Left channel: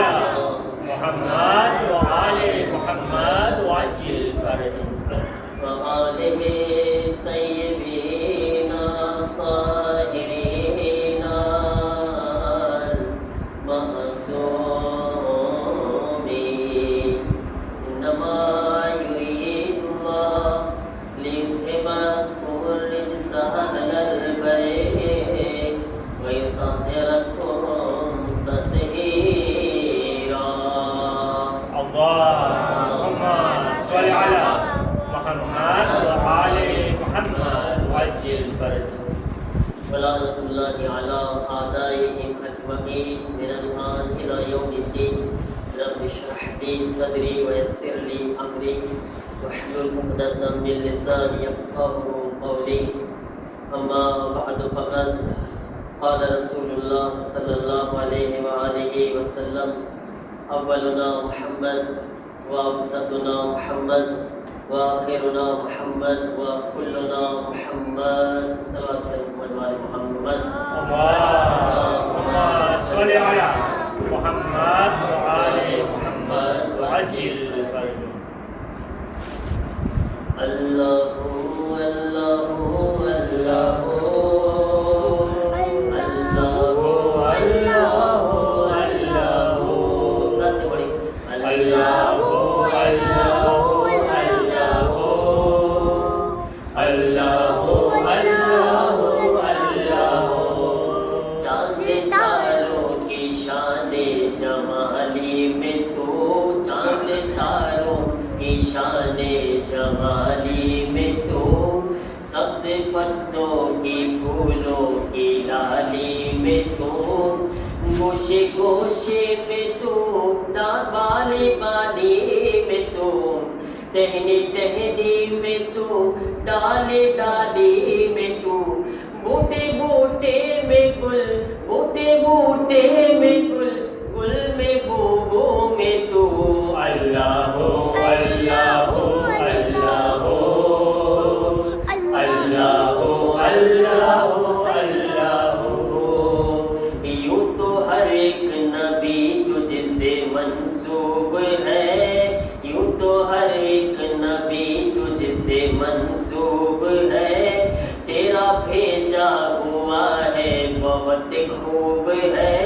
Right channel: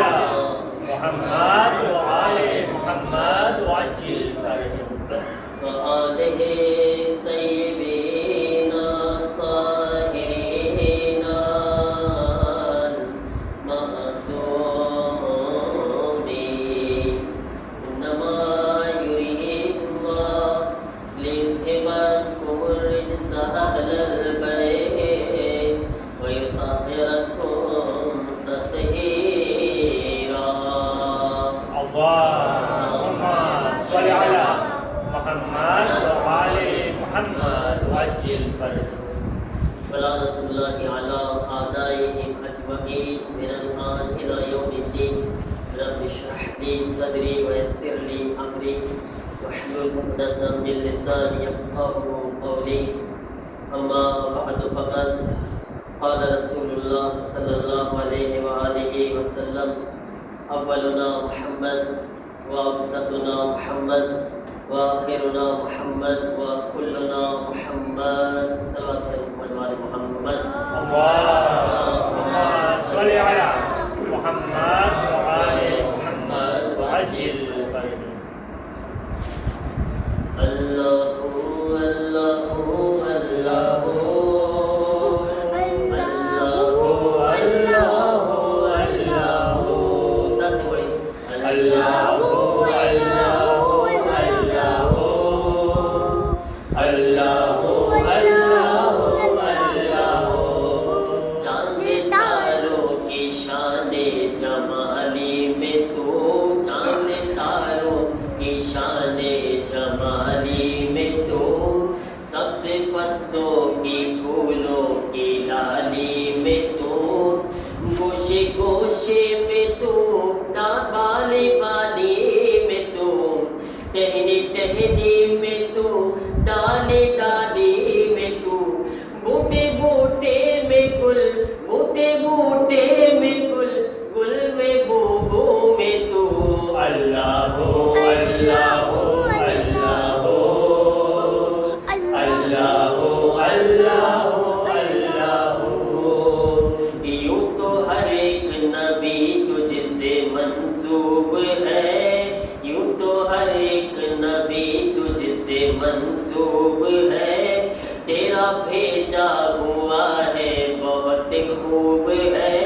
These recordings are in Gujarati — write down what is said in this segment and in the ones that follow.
محمد وآل محمد وعجل فرجهم وآله الطيبين الطاهرين المعصومين إنما يريد الله ليذهب عنكم الرجس أهل البيت ويطهركم تطهيرا. اللهم صل على محمد وآل محمد وعجل فرجهم. صلاة الله على أعدائهم أجمعين من الآن إلى يوم الدين. رب اشرح لي صدري ويسر لي أمري واحلل عقدة من لساني يفقهوا قولي. أما بعد فقد قال رسول الله صلى الله عليه وآله وسلم أولنا محمد وأوسطنا محمد وآخرنا محمد وكلنا محمد صلى الله عليه محمد. اللهم صل على محمد وآل محمد وعجل فرجهم. الله پتوں کی پھولوں کی ڈالی میں تو گوشے گوشے میں تو بالی بالی میں تو ٹہنی ٹہنی میں تو ڈالی ڈالی میں تو بوٹے بوٹے میں گل بوٹے بوٹے میں گل گل میں بوبو میں تو اللہ ہو اللہ ہو منسوب ہے یوں تو ہر ایک نبی تجھ سے منسوب ہے تیرا بھیجا ہوا ہے بہت خوب ہے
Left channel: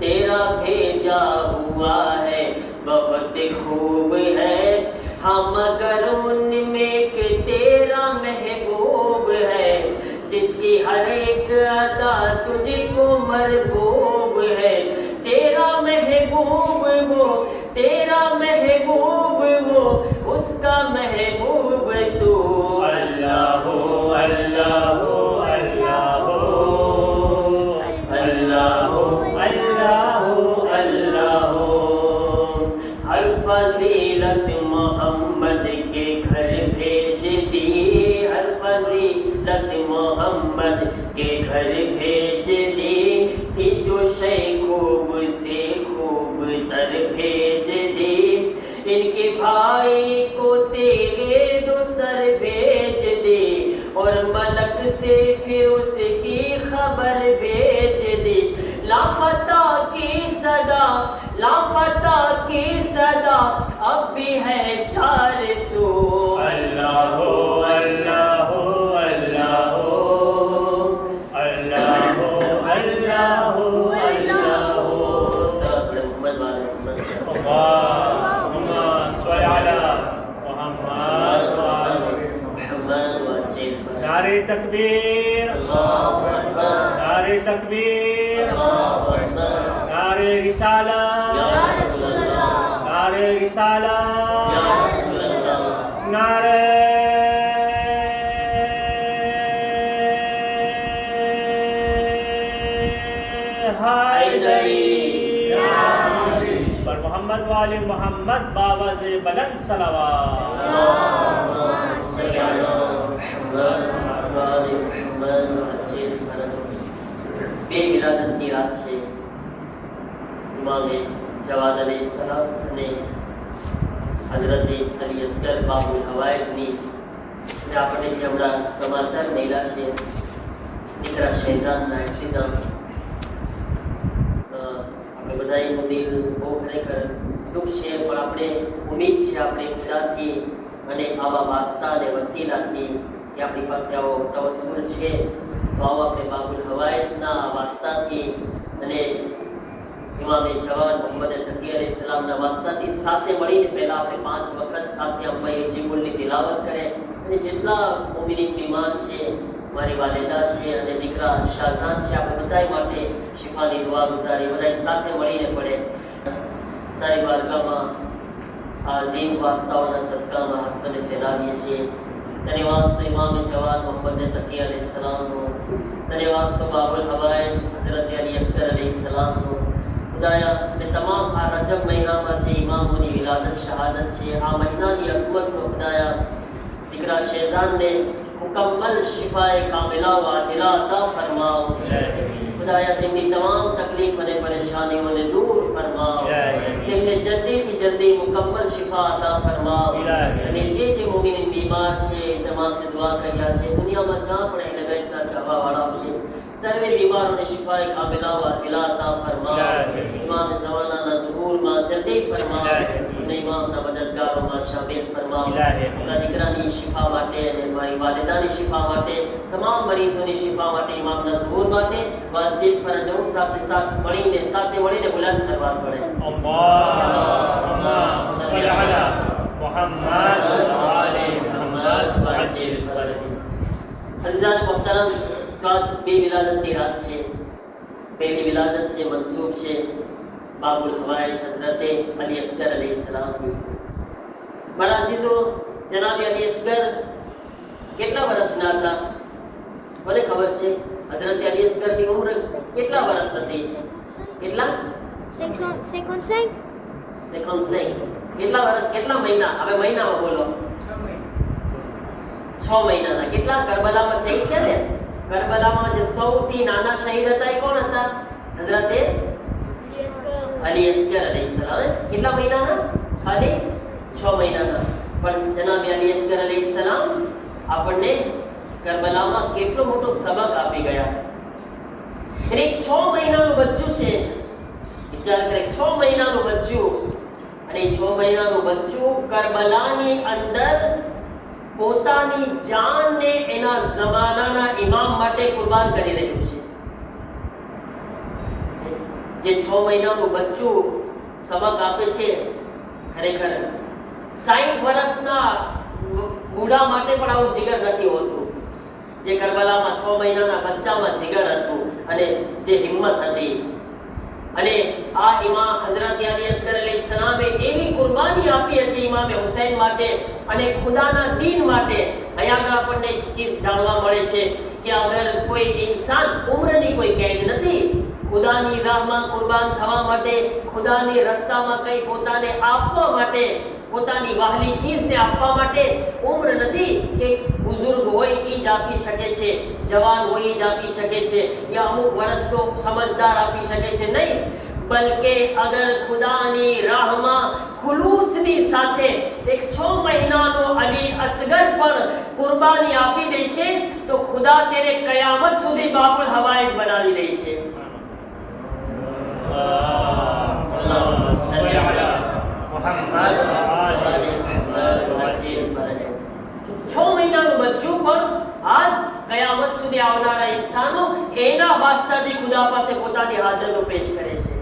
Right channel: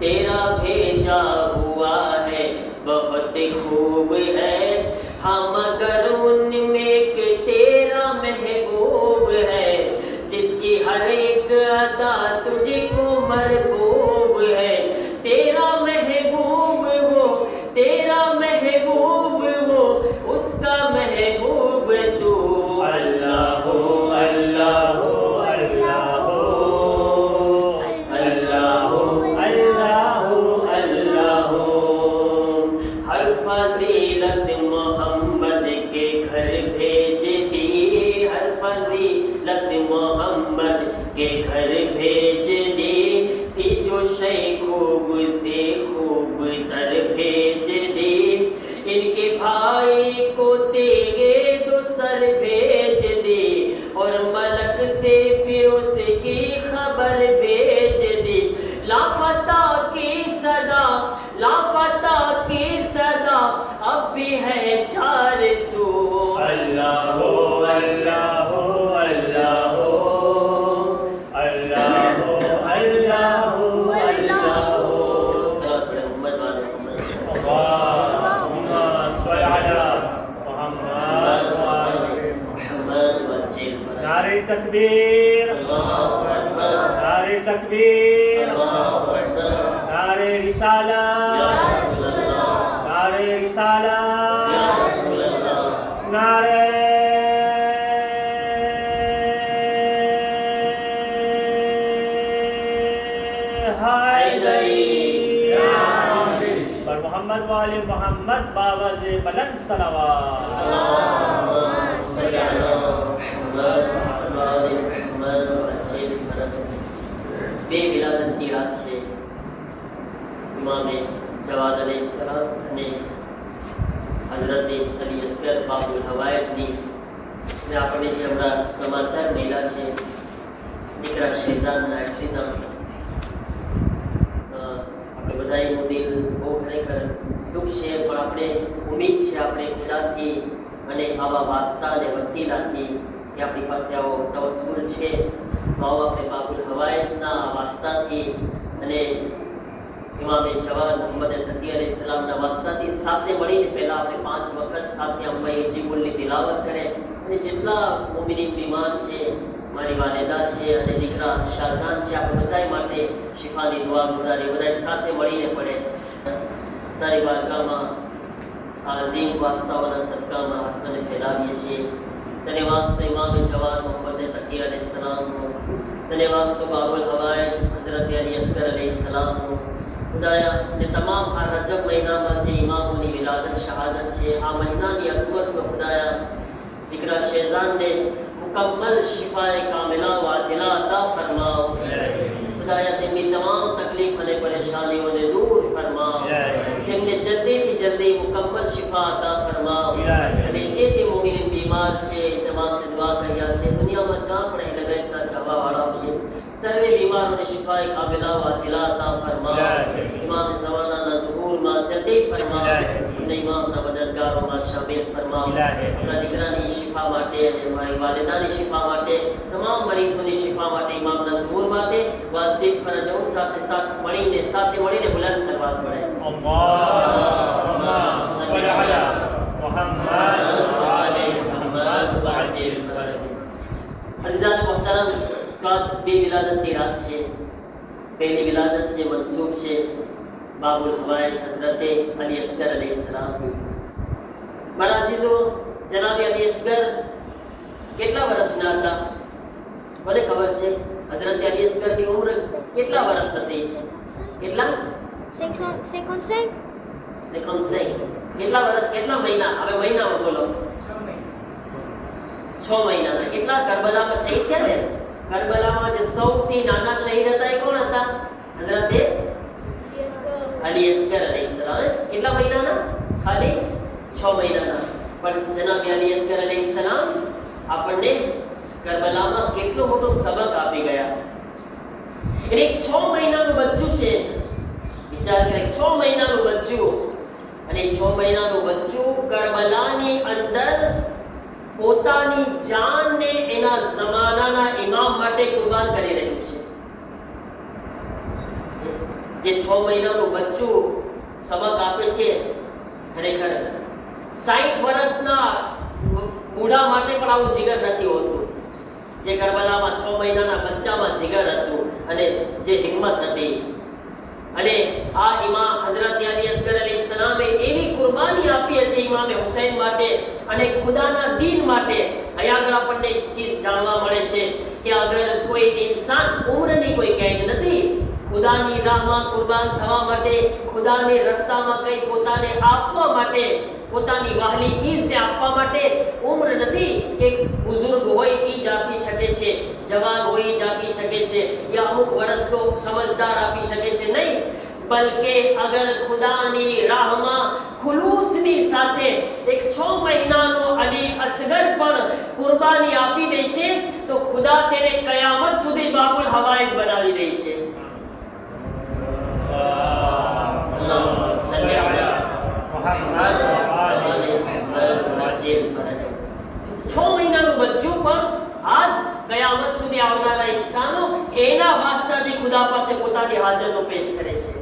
تیرا بھیجا ہوا ہے بہت خوب ہے ہم اگر ان میں ایک تیرا محبوب ہے جس کی ہر ایک ادا تجھ کو مرغوب ہے تیرا محبوب وہ تیرا محبوب وہ اس کا محبوب تو اللہ ہو اللہ ہو اللہ ہو اللہ ہو اللہ ہو اللہ ہو ہر فضیلت محمد کے گھر بھیج دی ہر فضیلت محمد کے گھر بھیج دی تھی جو شے خوب سے خوب تر بھیج دی ان کے بھائی کو تیغے دو سر بھیج دی اور ملک سے پھر اس کی خبر بھیج دی لاپتہ کی صدا لاپتہ کی صدا اب بھی ہے چار سو اللہ ہو اللہ ہو اللہ ہو اللہ ہو اللہ ہو اللہ ہو صلوات پڑھیں محمد والے محمد اللهم صل على محمد وآل محمد وعجل نعرہ تکبیر اللہ اکبر نعرہ تکبیر اللہ اکبر نعرہ رسالہ یا رسول اللہ نعرہ رسالہ یا رسول اللہ نعرہ حیدری اور محمد والے محمد بابا سے بلند صلوات اللهم صل على محمد وآل محمد وعجل فرجهم بے ولادت کی رات سے امام جواد علیہ السلام نے حضرت علی اصغر بابو ہوایت دی આપણે જે હમણાં સમાચાર મળ્યા છે દીકરા શહેજાદના એક્સિડન્ટ આપણે બધા બધાયનું દિલ બહુ ખરેખર દુઃખ છે, પણ આપણે ઉમ્મીદ છે આપણે ખુદાથી અને આવા વાસ્તા અને વસીલાથી કે આપણી પાસે આવો તવસ્સુલ છે, તો આવો આપણે બાબુલ હવાઈજના આ વાસ્તાથી અને ઇમામે જવાદ મુહમ્મદ તકી અલૈહિસ્સલામના વાસ્તાથી સાથે મળીને પહેલા આપણે 5 વખત સાથે અમ્મા યુજીબુલની તિલાવત કરે અને જેટલા મોમિની બીમાર છે, મારી વાલિદા છે અને દીકરા શાહજાન છે, આપણે બધા માટે શિફાની દુઆ ગુજારી બધા સાથે મળીને પડે. તારી બારગાહમાં આઝીમ વાસ્તાઓના સદકામાં હાથને ફેલાવીએ છીએ. તને વાસ્તો ઇમામે જવાદ મુહમ્મદ તકી અલૈહિસ્સલામનો, તને વાસ્તો બાબુલ હવાઈજ હઝરત અલી અસ્ગર અલૈહિસ્સલામનો. ખુદાયા ને તમામ આ રજબ મહિનામાં જે ઇમામોની વિલાદત શહાદત છે, આ મહિનાની અઝમતનો ખુદાયા દીકરા શેઝાનને મુકમ્મલ શિફાએ કામિલા વાજિલા અતા ફરમાઓ. ખુદાયા તેમની તમામ તકલીફ અને પરેશાનીઓને દૂર ફરમાઓ. તેમને જલ્દીથી જલ્દી મુકમ્મલ શિફા અતા ફરમાઓ. અને જે મોમિન બીમાર છે, તમામ સે દુઆ કર્યા છે, દુનિયામાં જ્યાં પણ એ લગાડતા ચાહવાવાળા છે, સર્વે બીમારોને શિફાએ કામિલા વાજિલા અતા ફરમાઓ. ઇમામ ઝમાનાના ઝુહૂરમાં જલ્દી ફરમાઓ અને ઇમામના મદદગારોમાં શામિલ ફરમાઓ. આપણા દીકરાની શિફા માટે અને મારી વાલિદાની શિફા માટે, તમામ મરીઝોની શિફા માટે, ઇમામના ઝુહૂર માટે વાજિબ ફરજો સાથે મળીને બુલંદ સફા પડે. અલ્લાહુમ્મા સલ્લી અલા મુહમ્મદ વ આલે મુહમ્મદ વાજિબ ફરજો. અઝીઝાન મુહતરમ, આજ બે વિલાદતની રાત છે. પહેલી વિલાદત છે મંસૂબ છે બાબુલ હવાઈજ હઝરત અલી અસ્ગર અલૈહિસ્સલામની. મારા અઝીઝો, જનાબ અલી અસ્ગર કેટલા વર્ષના હતા? મને ખબર છે હઝરત અલી અસ્ગરની ઉંમર કેટલા વર્ષ હતી? કેટલા? 55. કેટલા વર્ષ, કેટલા મહિના? હવે મહિનામાં બોલો. 6 મહિનાના. કેટલા? કરબલામાં શહીદ થયા ને. કરબલામાં જે સૌથી નાના શહીદ હતા એ કોણ હતા? હઝરત અલી અસ્ગર અલૈહિસ્સલામ. કેટલા મહિનાના? ખાલી 6 મહિનાના. પણ જનાબ અલી અસ્ગર અલૈહિસ્સલામ આપણને કરબલામાં કેટલો મોટો સબક આપી ગયા. અને 6 મહિનાનું બચ્ચું છે, વિચાર કરે, 6 મહિનાનું બચ્ચું, અને 6 મહિનાનું બચ્ચું કરબલાની અંદર પોતાની જાનને એના જમાનાના ઇમામ માટે કુરબાન કરી રહ્યું છે. જે 6 મહિનાનું બચ્ચું સબક આપે છે, ખરેખર 60 વર્ષના બુઢા માટે પણ આવું જીગર નથી હોતું. જે કરબલામાં 6 મહિનાના બચ્ચામાં જીગર હતું અને જે હિંમત હતી. અને આ ઇમામ હઝરત અલી અસ્ગર અલૈહિસ્સલામે એવી કુરબાની આપી હતી ઇમામે હુસૈન માટે અને ખુદાના દીન માટે. અહીંયા આપણને એક ચીજ જાણવા મળે છે કે અગર કોઈ ઇન્સાન ઉંમરની કોઈ કેદ નથી, ખુદાની રાહમાં કુરબાન થવા માટે, ખુદાની રસ્તામાં કંઈ પોતાને આપવા માટે, પોતાની વહાલી ચીજને આપવા માટે ઉંમર નથી કે બુઝુર્ગ હોય એ જ આપી શકે છે, જવાન હોય એ જ આપી શકે છે, યા અમુક વર્ષનો સમજદાર આપી શકે છે. નહીં, બલકે અગર ખુદાની રાહમાં ખુલૂસની સાથે એક 6 મહિનાનો અલી અસ્ગર પણ કુરબાની આપી દેશે તો ખુદા તેને કયામત સુધી બાબુલ હવાઈજ બનાવી દેશે. અલ્લાહુમ્મા સલ્લી અલા મુહમ્મદ વ આલે મુહમ્મદ વાજિબ ફરજો. 6 મહિનાનું બચ્ચું પણ આજ કયામત સુધી આવનારા ઇન્સાનો એના વાસ્તાથી ખુદા પાસે પોતાની હાજતો પેશ કરે છે.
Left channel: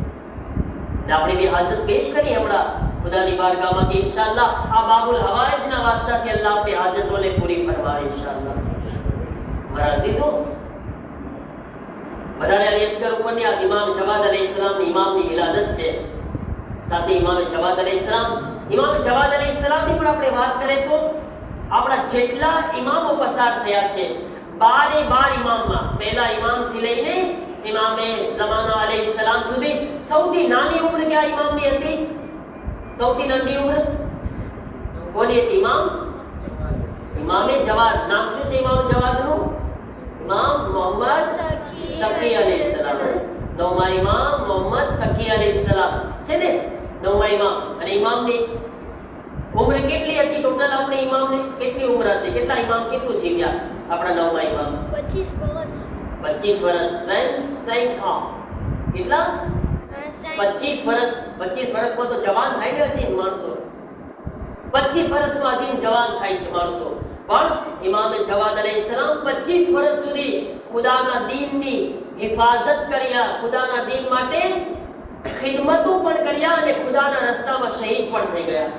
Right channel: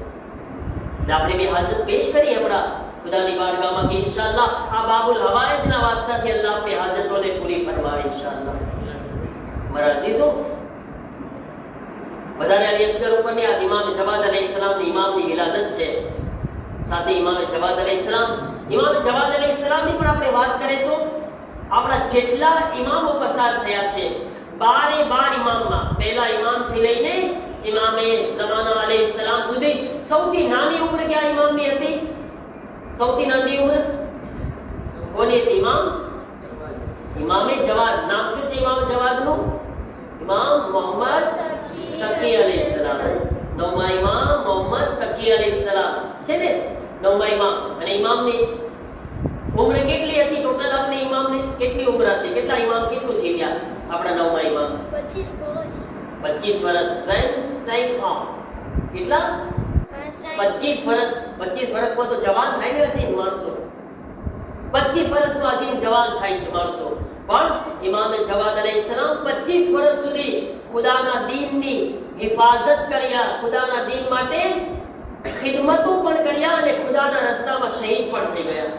આપણે બી હાજત પેશ કરી હમણાં ખુદાની બારગાહમાં કે ઇન્શાઅલ્લાહ આ બાબુલ હવાઈજના વાસ્તાથી અલ્લાહ આપણી હાજતોને પૂરી ફરમાવે ઇન્શાઅલ્લાહ. મારા અઝીઝો, વધારે અલી અસ્ગર ઉપરની આ ઇમામ જવાદ અલૈહિસ્સલામની ઇમામની વિલાદત છે. સાથે ઇમામ જવાદ અલૈહિસ્સલામની પણ આપણે વાત કરીએ તો આપણા જેટલા ઇમામો પસાર થયા છે, 12 ઇમામમાં પહેલા ઇમામથી લઈને ઇમામે ઝમાના અલૈહિસ્સલામ સુધી સૌથી નાની ઉંમર કયા ઇમામની હતી? સૌથી નાની ઉંમર કોની હતી? ઇમામે જવાદ. નામ શું છે ઇમામ જવાદનું? ઇમામ મોહમ્મદ તકી અલૈહિસ્સલામ. 9મા ઇમામ મોહમ્મદ તકી અલૈહિસ્સલામ છે ને, 9મા ઇમામ. અને ઇમામની ઉંમર કેટલી હતી ટોટલ? આપણે ઇમામને કેટલી ઉંમર હતી? કેટલા ઇમામ કેટલું જીવ્યા આપણા 9મા ઇમામ? 25 વર્ષ. 25 વર્ષ. કેટલા? 65 25 વર્ષમાં તો જવાન થાય ને હજી માણસો, 25 વર્ષમાં હજી જવાન થાય છે માણસો. પણ ઇમામે જવાદ અલૈહિસ્સલામ 25 વર્ષ સુધી ખુદાના દીનની હિફાજત કર્યા, ખુદાના દીન માટે ખિદમતો પણ કર્યા અને ખુદાના રસ્તામાં શહીદ પણ થઈ ગયા.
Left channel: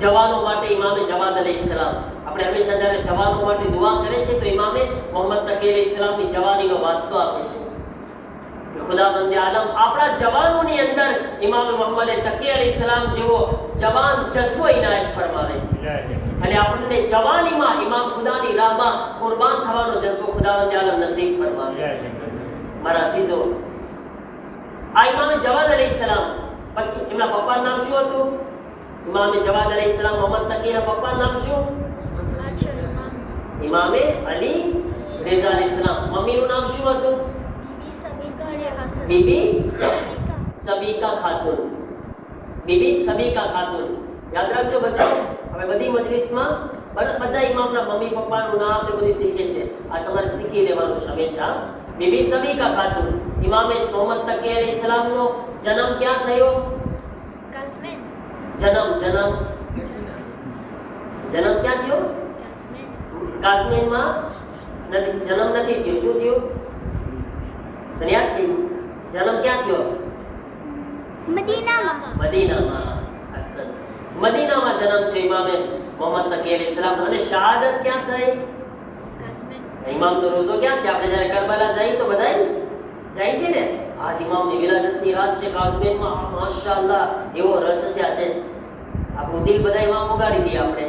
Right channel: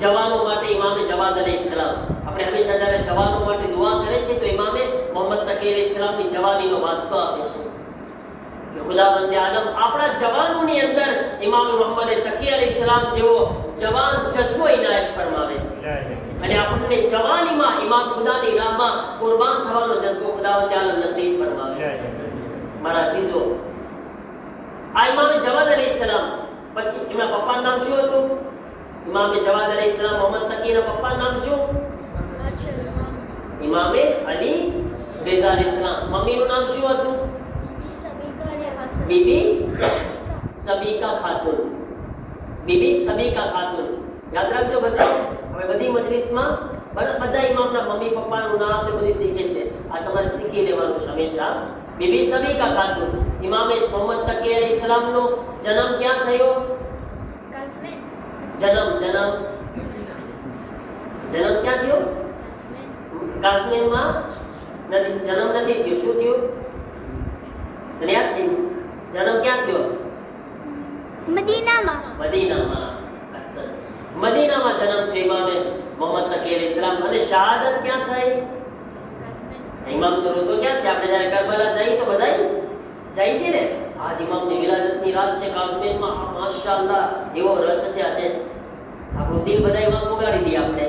જવાનો માટે ઇમામે જવાદ અલૈહિસ્સલામ, આપણે હંમેશા જ્યારે જવાનો માટે દુઆ કરે છે તો ઇમામે મોહમ્મદ તકી અલૈહિસ્સલામની જવાનીનો વાસ્તો આપે છે કે ખુદાવંદ આલમ આપણા જવાનોની અંદર ઇમામ મોહમ્મદ તકી અલૈહિસ્સલામ જેવો જવાન જઝ્બો ઇનાયત ફરમાવે અને આપણને જવાનીમાં ઇમામ ખુદાની રાહમાં કુરબાન થવાનો જઝ્બો ખુદાવંદ આલમ નસીબ ફરમાવે. મારા અઝીઝો, આ ઇમામ જવાદ અલૈહિસ્સલામ પછી એમના પપ્પાનું નામ શું હતું? ઇમામ જવાદ અલૈહિસ્સલામ મોહમ્મદ તકીના પપ્પાનું નામ શું? ઇમામે અલી રેઝા અલૈહિસ્સલામ. મમ્મીનું નામ શું હતું? બીબી સબીકા ખાતુન. બીબી સબીકા ખાતુન. યાદ રાખજો બધા, હવે બધી મજલિસમાં બધા ઇમામના મમ્મી પપ્પાનું નામ ને બધું શીખે છે. આ તમારે શીખી લેવાનું છે હંમેશા. બીબી સબીકા ખાતુન. ઇમામે મોહમ્મદ તકી અલૈહિસ્સલામનો જન્મ ક્યાં થયો? જન્મ ક્યાં થયો? કાશ્મીરમાં નથી, જન્મ નથી થયો. શું થયું? તને યાદ છે? જન્મ ક્યાં થયો? મદીનામાં. મદીનામાં જન્મ થયો ઇમામે મોહમ્મદ તકી અલૈહિસ્સલામ. અને શહાદત ક્યાં થઈ? ઇમામ તો રોઝો ક્યાં છે? આપણે જ્યારે કરબલા જઈએ તો બધા જાય છે ને. આજ ઇમામની વિલાદતની રાત છે કાશ્મીરમાં. માશાઅલ્લાહ એવો રસ છે આજે. આપણું દિલ બધા ઇમામ પગાડી દઈએ. આપણે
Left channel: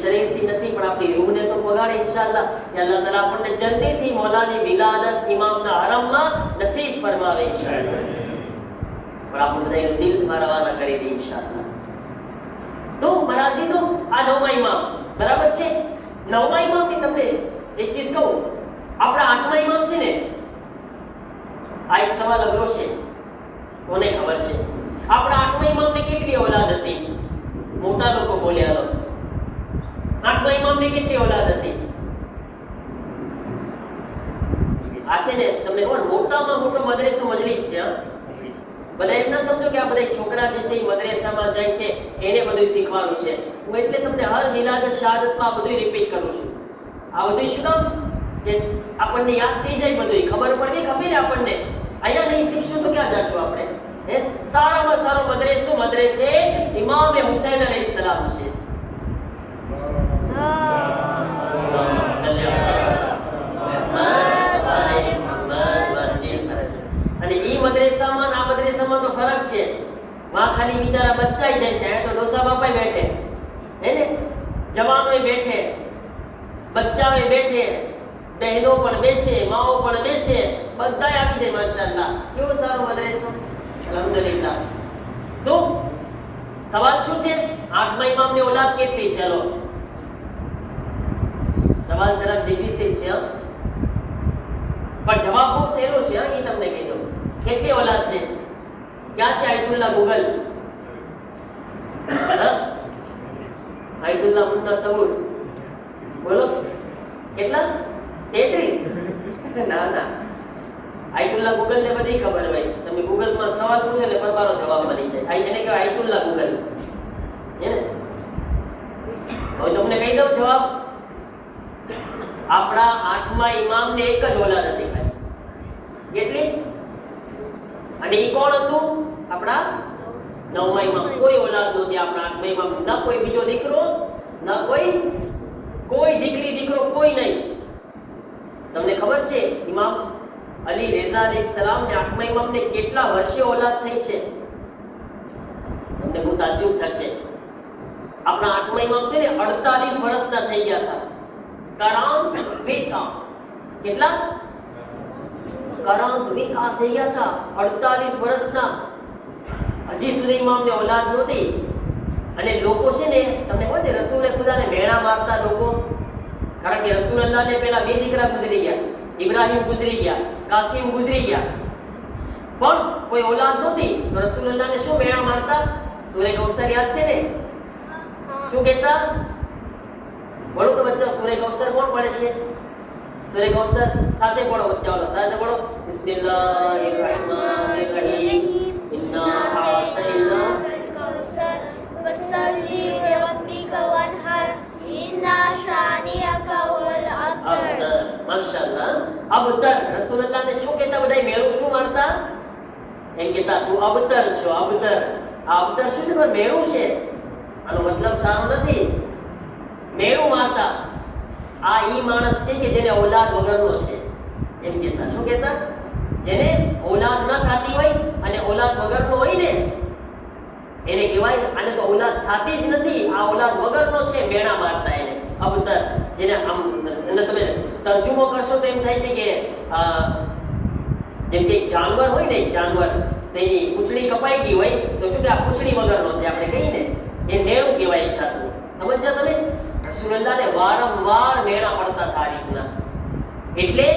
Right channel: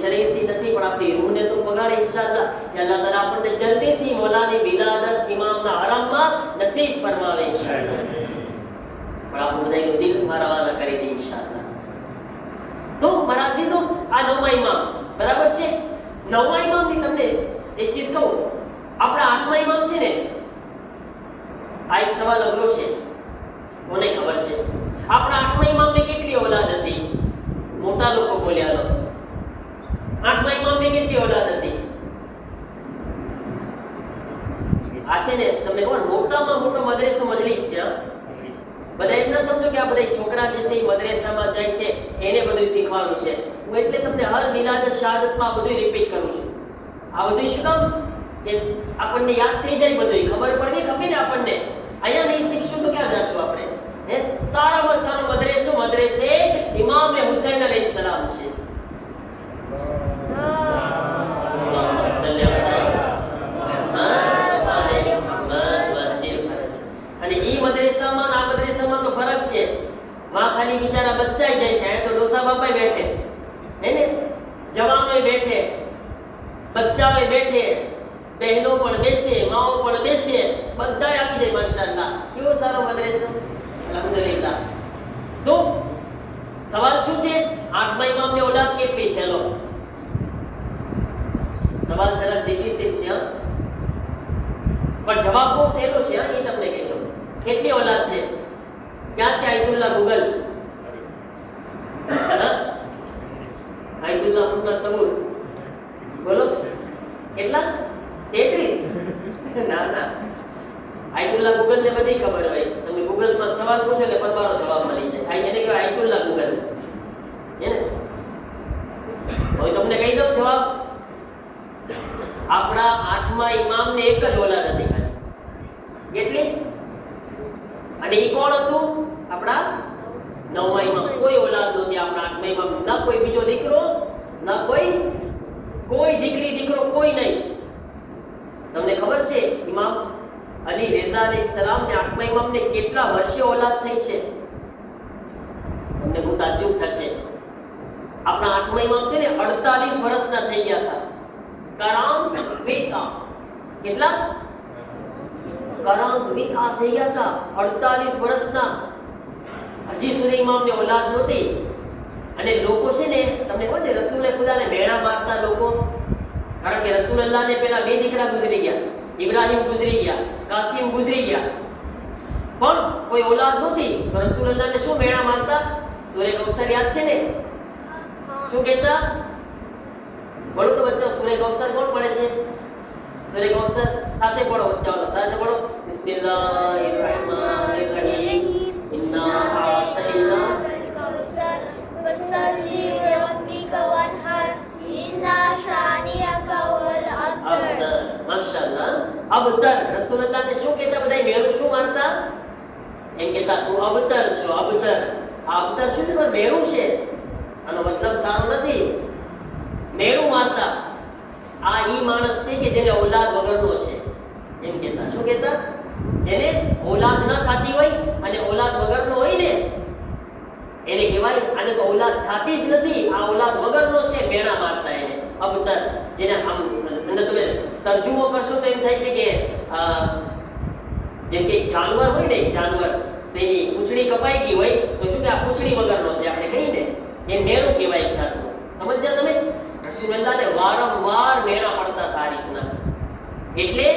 શરીરથી નથી પણ આપણી રૂહને તો પગાડે ઇન્શાઅલ્લાહ. કે અલ્લાહ તાલા આપણને જલ્દીથી મૌલાની વિલાદત ઇમામના હરમમાં નસીબ ફરમાવે ઇન્શાઅલ્લાહ. પણ આપણું બધાનું દિલ રવાના કરી દે ઇન્શાઅલ્લાહ. તો મારા અઝીઝો, આ નવમા ઇમામ બરાબર છે. નવમા ઇમામથી તમને એક ચીજ કહું, આપણા આઠમા ઇમામ છે ને, આ એક સવાલ અઘરો છે, કોને ખબર છે? આપણા આઠમા ઇમામને કેટલી ઓલાદ હતી? મોટા લોકો બોલ્યા. આઠમા ઇમામને કેટલી ઓલાદ હતી? આ છે ને તમને ખબર, મોટામાં મોટો મદરેસો મજલિસ છે. બધા એમ ના સમજો કે આ બધા છોકરા જે છે એ મદરેસામાં જાય છે એને બધું શીખવાનું છે. હું એટલે તમને હર મિલાદ શહાદતમાં બધું રિપીટ કરું છું. આ બધું શું કામ? કે આપણને યાદ થઈ જાય, બધું ખબર પડવી ખબર ને આપણને. અહીંયા નહીં શીખશું તો ક્યાં જશું આપણે? સારામાં સારો મદરેસે ઇમામે હુસૈન અલૈહિસ્સલામ છે. અને ઈ મદરેસામાં આ મદરેસામાં તો ફરક છે. માં ખાલી બિચારા બચ્ચાઈ જાય છે, તો ડોસા બાપાઈ બેઠે હે ને, જવાનોય બેઠે, બચ્ચાઓય બેઠે, બહેનો પણ બેસે, માઓ પણ બેસે, બધા આવી જાય. માશાઅલ્લાહ, કેવો સારો મદરેસો. અલહમદુલિલ્લાહ. તો સવાલ શું છે? આઠમા ઇમામની ઓલાદ કેટલી છે? લો, સવાલ જરાક ડિફિકલ્ટ છે પણ જવાબ બહુ સહેલો છે. એ તમને કહી દઉં. કેટલી ઓલાદ છે? ક્યાં છે આયતુલ્લાહ ગૂગલ? આયતુલ્લાહ પુના સબૂર બોલો. કેટલા? 33? ના, આયતુલ્લાહ ગૂગલ ને બધી ખબર હોય. તમે ગૂગલમાં સવાલ પૂછો એટલે પરબારો જવાબ મળી જાય. એને કહેવાય આયતુલ્લાહ ગૂગલ. એને હવે તમને કહી દઉં જવાબ. આપણા આઠમા ઇમામને એક જ ઓલાદ હતી. કેટલી? અને ઈ કોણ હતું? આપણા નવમા ઇમામ. કોઈ ઓલાદ નહોતી આપણા આઠમા ઇમામ. ના કોઈ બીજો દીકરો, ના કોઈ દીકરી દીકરો, કોઈ નહીં. તમને ખબર છે ઇમામ અલી રેઝા અલૈહિસ્સલામ ને આઠમા ઇમામને કેટલા વર્ષે ઓલાદ થઈ છે? તમને બહુ તાજ્જુબ થશે. આપણા આઠમા ઇમામ છે ને 48 વર્ષના થઈ ગયા હતા. કેટલા? કરાંતવિતા થઈ ગયા હતા 48 વર્ષના. હજી સુધી ઇમામને ઓલાદ નહોતી. અને લોકો છે ને, તમને ખબર છે રસૂલે ખુદાને મેણા મારતા લોકો? કારણ કે રસૂલલ્લાહને પહેલા 2 દીકરા ગુજરી ગયા. ઇબ્રાહિમ ગુજરી ગયા, કાસિમ ગુજરી ગયા, પણ કોઈ ઓલાદ નહોતી. રસૂલલ્લાહને શું મેણા મારતા? સૂરે કૌસર યાદ છે ને? શું કહેતા? બોલો તો બચ્ચા, સૂરે કૌસર કોણ પડે છે? સૂરે કૌસર સાથે પઢો, બચ્ચા વાળો સાથે પઢો. બિસ્મિલ્લાહિર્રહમાનિર્રહીમ. ઇન્ના આતૈના الكوثر فصل لربك وانحر إن شانئك هو الأبتر. માશાઅલ્લાહ. અબતર રસૂલુલ્લાહને શું કહેતા બધાય મેળું શું મારતા? એમ કહેતા તું અબતર છો, અબતર. આ અબતર શું છે? મેળું છે. આનો મતલબ સારો નથી. મેળું મારતા. આ ઈ માણસ છે કે જેને ઔલાદ વગરનો છે. એમ કહેતા. શું કહેતા? જેને ઔલાદ ન થતી હોય અને ઔલાદ વગરનો હોય ને એને કહેવાય આને તો ઔલાદ થતી જ નથી, આ ઔલાદ વગરનો છે, મેણા મારતા એને અબતર. જેને આમ અને તમે તર્જુમો કરશો તો એમ થાય છે કે જેમ કે એક જાનવર હોય ને, એક જાનવર તો એની પૂંછડી કપાઈ ગઈ હોય તો શું કે આ પૂંછડી વગરનો છે આપણે કહીએ ને, એ મેણું કહેવાય એક જાતનું. સમજ્યા તમે? રસૂલુલ્લાહને વારંવાર મેણા પડતા હતા આ રીતના. એટલે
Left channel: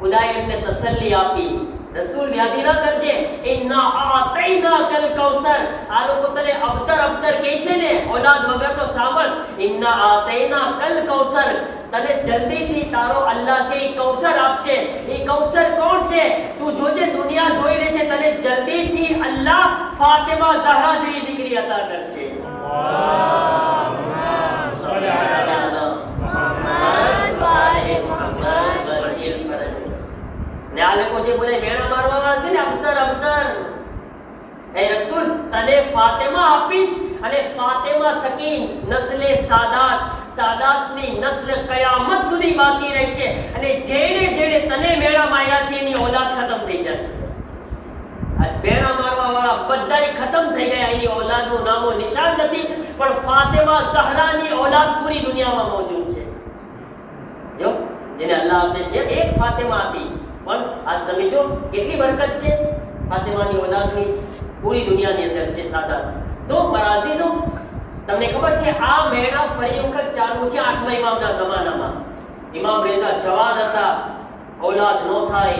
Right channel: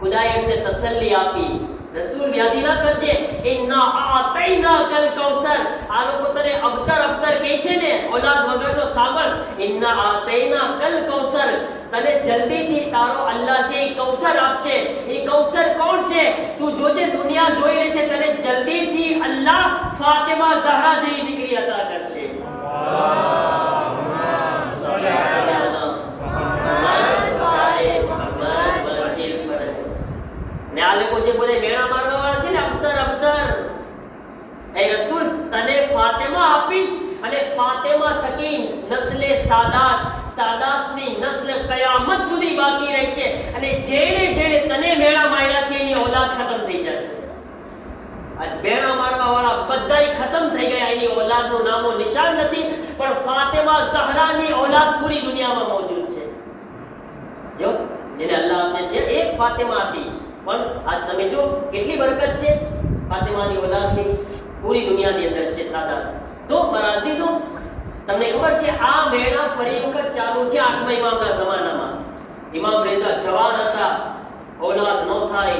ખુદાએ એમને તસલ્લી આપી, રસૂલ વ્યાધિ ના કરજે, ઇન્ના આતૈનાકલ કૌસર. આ લોકો તને અબતર અબતર કહે છે ને, ઔલાદ વગરનો સાંભળ. ઇન્ના આતૈનાકલ કૌસર. તને જલ્દીથી તારો અલ્લાહ છે એ કૌસર આપશે. એ કૌસર કોણ છે? તું જોજે, દુનિયા જોઈ લેશે, તને જલ્દીથી અલ્લાહ ફાતિમા ઝહરા જેવી દીકરી અતા કરશે. ને આ લોકો જે બધા મેણા મારવા વાળા છે ને, અબતર અબતર, એ રસૂલ તને ફાતિમા આપીશ અને ફાતિમા થકી નસ્લે સાદાત, સાદાતની નસ્લ કયામત સુધી બાકી રહેશે અને જેણે જેણે તને મેણા માર્યા છે એની ઔલાદ ખતમ થઈ જશે. આ મેણા મારવા વાળા બધાય ખતમ થઈ ગયા, એની ઔલાદનું નામો નિશાન નથી, પણ ફાતિમા ઝહરાની ઔલાદ પૂરી દુનિયામાં મોજૂદ છે. જો જેને અલ્લાહ આપે છે એક ફાતિમા હતી, પણ આજ તમે જો કેટલી બરકત છે ફાતિમાની ઔલાદની પૂરી દુનિયાની અંદર છે સાદાત. તો મારા અઝીઝો, તમને ખબર છે આ મેળા ફરી વખત ચાલુ છે 8મા ઇમામના જમાનામાં. ઇમામ રેઝા જવાન હતા, ઔલાદ નો થાય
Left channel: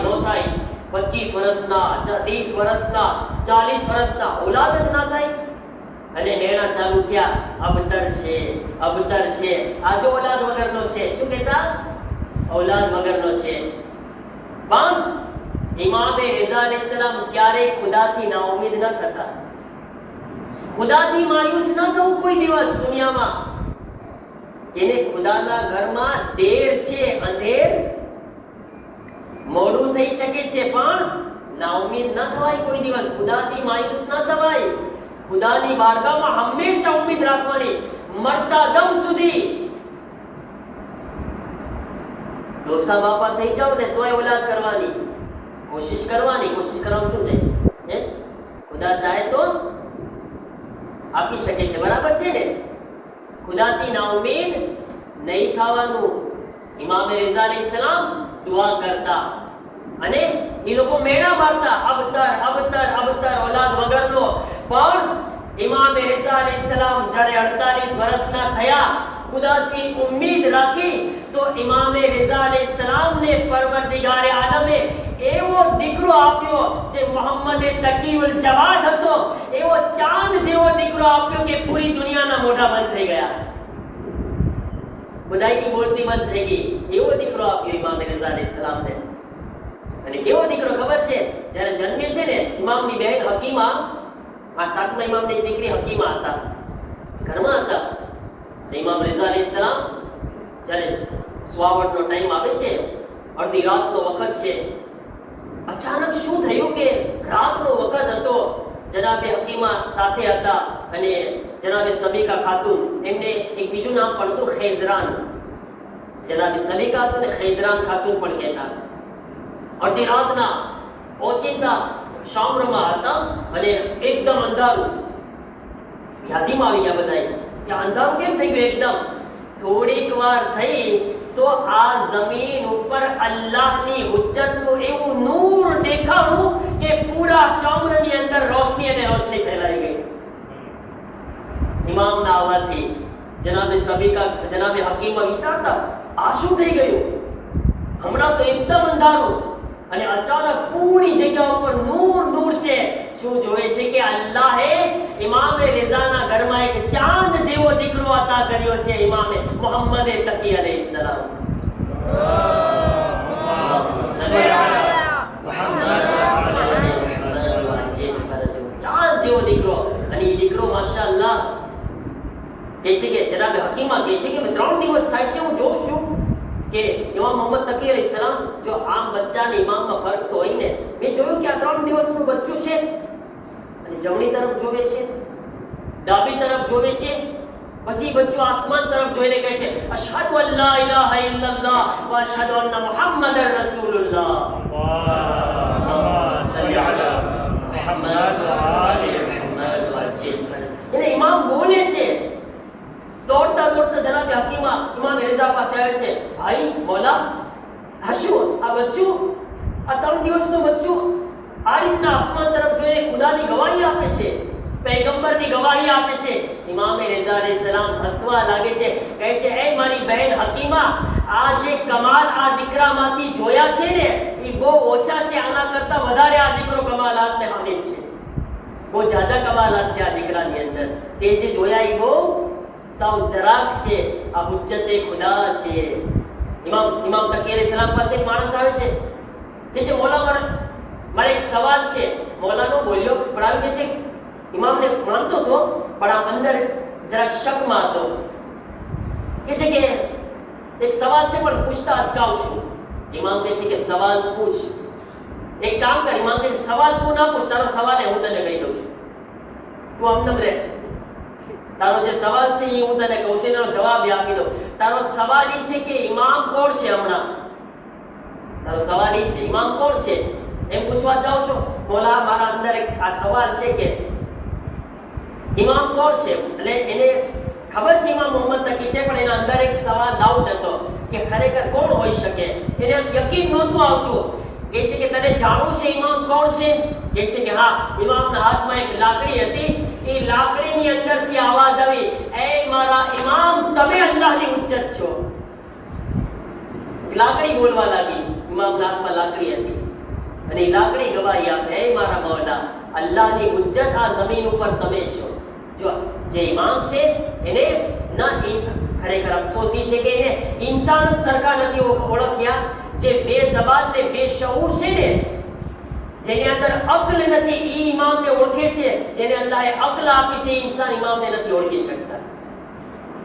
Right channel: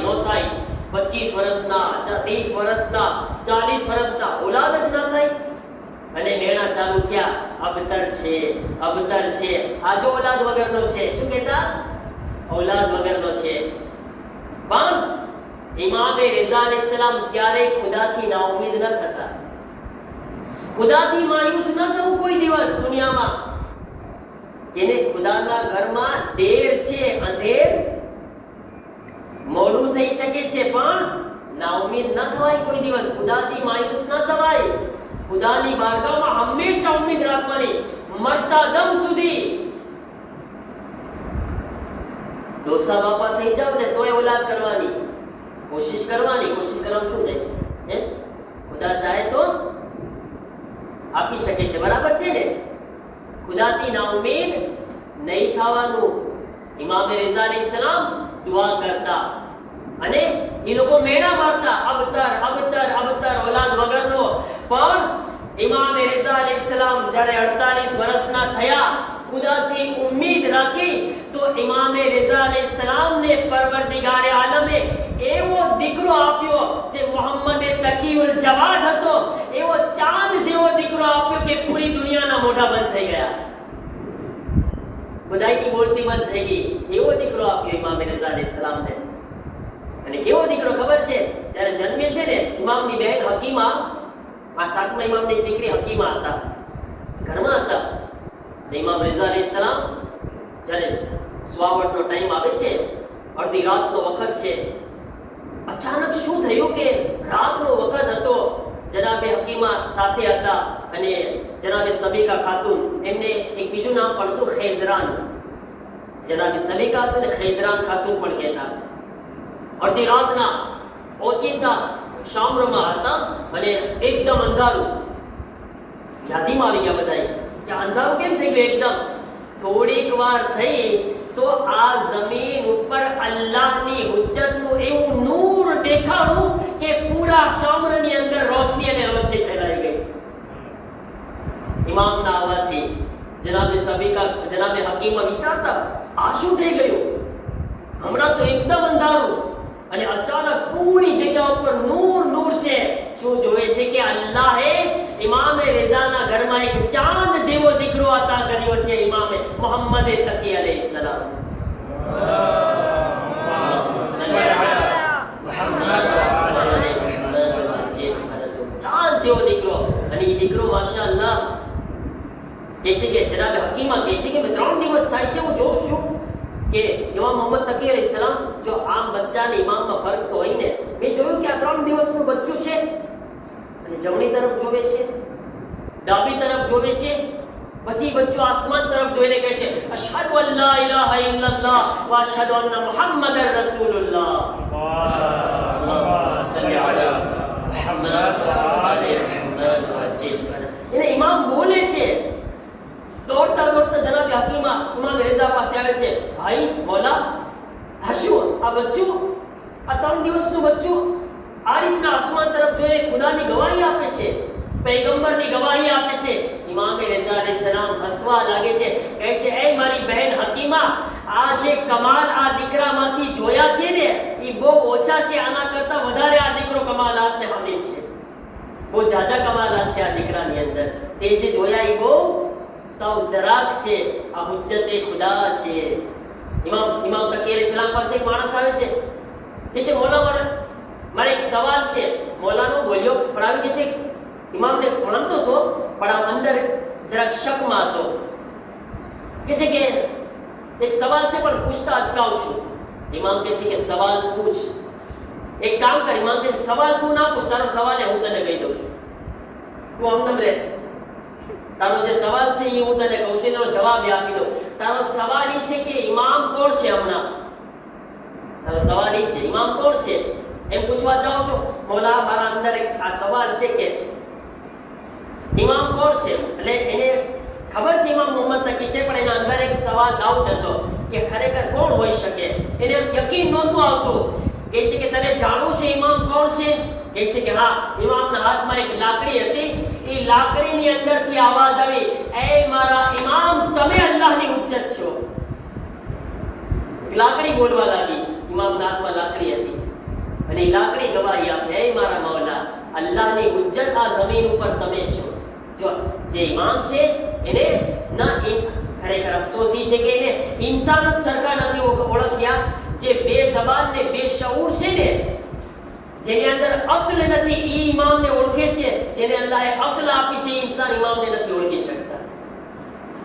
25 વર્ષના, 30 વર્ષના, 40 વર્ષના, ઔલાદ જ ના થાય અને મેળા ચાલુ થયા. અબતર છે, અબતર છે, આ જો ઔલાદ વગરનો છે. શું કહેતા? ઔલાદ વગરનો છે. પણ ઇમામે રેઝા અલૈહિસ્સલામ ક્યારેય ખુદાથી નાઉમીદ ન થતા, ખુદાથી માયુસ ન થવું કોઈ દિવસ દુનિયામાં. એને ખુદાના ઘરમાં દેર છે, અંધેર, મોડું થઈ શકે છે, પણ નાઉમીદ ન થવાય કોઈ દિવસ, ખુદાથી માયુસ ન થવાય. ખુદાની બારગાહમાં હંમેશા ઉમ્મીદ રાખવાની, મરતા દમ સુધી. ડોસા બાપા થઈ જાવ ને તોય ઔલાદ કરવાની કોશિશ કરવાની. કોશિશ કરવાનું શું થાય છે? ખુદા ચાહે તો આપી શકે છે, બરાબર છે ને? ખુદાથી નાઉમીદ નહીં થવાનું. ઇમામે રેઝા અલૈહિસ્સલામ દુઆ કરતા અને એ લોકો મેણા મારતા, અબતર અબતર અબતર, ઔલાદ વગરનો. પણ ઇમામે રેઝા અલૈહિસ્સલામ જ્યારે 48 વર્ષના થયા, ખુદાથી ઉમ્મીદ રાખી, તો ઇમામે રેઝા અલૈહિસ્સલામને પરવરદિગારે આલમે એવો દીકરો આપ્યો જે મોહમ્મદ તકીઉલ જવાદ હતો, એવો ચાંદ જેવો દીકરો આપ્યો કે પૂરી દુનિયાના મોઢા બંધ થઈ ગયા, બધાયની બોલતી બંધ થઈ ગઈ. એવો દીકરો આપ્યો ઇમામે રેઝા અલૈહિસ્સલામને. અને કેવો દીકરો ખબર છે? જ્યારે જન્મે છે ને, ઇમામની બહેન હકીમા, આ 7મા ઇમામની દીકરી હકીમા હતા, ઘરમાં હતા. ઇમામ રેઝા અલૈહિસ્સલામ જ્યારે સુવાવટનો ટાઈમ આવે છે, અડધી રાતનો વખત છે, અચાનક શું થયું કે રાતનો વખત હતો, જનાબે હકીમા સાથે હતા અને જનાબે સબીકા ખાતુન, એમને એક બીજું નામ પણ હતું ખૈઝરાન. જનાબે સબીકા અને ખૈઝરાન ખાતુન પણ કહેતા. અડધી રાતના ઓચિંતા શામરમાં હતા અને એકદમ અંધારું. યાદીમાં આવી ગયા બધાય કે અંધારું કેમ થઈ ગયું એકદમ? થોડીક વાર થઈ તો આ જમીન ઉપર અલ્લાહની હુજ્જતનું એવું નૂર દેખાણું કે પૂરા શામરની અંદર રોશની અને રોશની ફેલાઈ ગઈ. ઇમામના આવવાથી જનાબે સબીકા, જનાબે હકીમા વિચારતા, આ શું થઈ ગયું? હમણાં તો એકદમ અંધારું અને અચાનક પૂરી જગ્યા ઉપર નૂર નૂર છે. શું જોવે છે કે અલ્લાહે ઇમામે રેઝાના ઘરમાં એક ચાંદ જેવો દીકરો અતા કર્યો છે, ઇમામે મોહમ્મદ તકી અલૈહિસ્સલામ. જેવો દીકરો. અને એ દીકરો માશાઅલ્લાહ કહે છે કે જનાબ હકીમા કહે છે કે 3 દિવસ થાય છે હું જોઉં છું કે ઇમામ મોહમ્મદ તકી અલૈહિસ્સલામ જો આમ બચ્ચાને ઇમામમાં ફરક તો હોય ને, મેં જોયું કે આ 3 દિવસનું બચ્ચું છે અને જમણી તરફ જોવે છે, ડાબી તરફ જોવે છે, પછી બચ્ચું આસમાન તરફ જોઈને કહે છે અશહદુ અન લા ઇલાહા ઇલ્લલ્લાહ વ અશહદુ અન્ન મુહમ્મદર રસૂલુલ્લાહ. એને ઇમામ બોલે છે. દોડતા દોડતા જનાબ હકીમા ઇમામ રેઝા પાસે આવે છે. ભાઈ મોલા, હશું આ બચ્ચું, આ 3 દિવસનું બચ્ચું આ રીતના આસમાન તરફ જોઈને ખુદાની ગવાહી આપે છે, પૈગંબરની ગવાહી આપે છે. ઇમામ રેઝા અલૈહિસ્સલામ હસવા લાગે છે, કહે છે એ મારી બહેન હકીમા, આ જે કમાલ આ દીકરામાંથી જોયા છે ને એ બહુ ઓછા છે, આના કરતા વધારે આ દીકરો કમાલાતને હામેલ છે. બહુ જાજા કમાલાત છે આ દીકરાની અંદર. એ જે જોયા એ બહુ સાવ જરાક છે, આ હુજ્જતે ખુદા છે. ઇમામ તકી અલૈહિસ્સલામ પાસે એક માણસ આવે છે, કહે છે મોલા મારે એક સવાલ છે. મોલાનો બોલ્યો પણ આવી કહે છે ઇમામને માનતો હતો પણ આ અંદર જરાક શકમાં હતો. કહે છે કે એક સવાલ છે પણ પૂછતા અચકાઉં છું. ઇમામ કહે છે કે સવાલ પૂછ. એક કામ કર. ઇમામ કહે સવાલ તું ના પૂછ, તારો સવાલ હું તને કહી દઉં છું, તું આમ રે. તારો જે સવાલ છે એ હું તને કહું છું, એનો જવાબ આપી દઉં. તારો સવાલ એ છે કે ઇમામ કોણ છે? હમણાં તારો સવાલ એ છે ઇમામ કોણ છે એમ પૂછવા જાઓ છો. મોલા મારા અંદર આ સવાલ છે કે ઇમામ કોણ છે. એટલે એને ખબર છે ઇમામ મોહમ્મદ તકી છે, પણ એના અંદર એક સવાલ ડાઉટ હતો કે ખરેખર કોણ હોઈ શકે. એને યકીન નહોતું આવતું. કહે છે કે તને જાણવું છે ઇમામ કોણ છે? કહે છે કે હા. ઇમામના હાથમાં એક લાકડી હતી, એ લાકડીની અંદરથી આવાજ આવી, એ મારા ઇમામ, તમે અલ્લાહની હુજ્જત છો. લાકડી બોલવા લાગી. ઇમામના હાથમાં લાકડી હતી અને એ લાકડી ગવાહી આપે, એ મારા મૌલા, અલ્લાહની હુજ્જત આ જમીન ઉપર તમે છો. જો જે ઇમામ છે એને ખરેખર અફસોસ છે કે એને ઇન્સાન સરખા નથી ઓળખ્યા. જે બે જબાન ને બે શઉર છે ને, જેની અંદર અક્લ નથી, એ ઇમામને ઓળખે છે. જેને અલ્લાહે અક્લ આપી છે, ઇન્સાન ઇમામને નથી ઓળખી શકતા.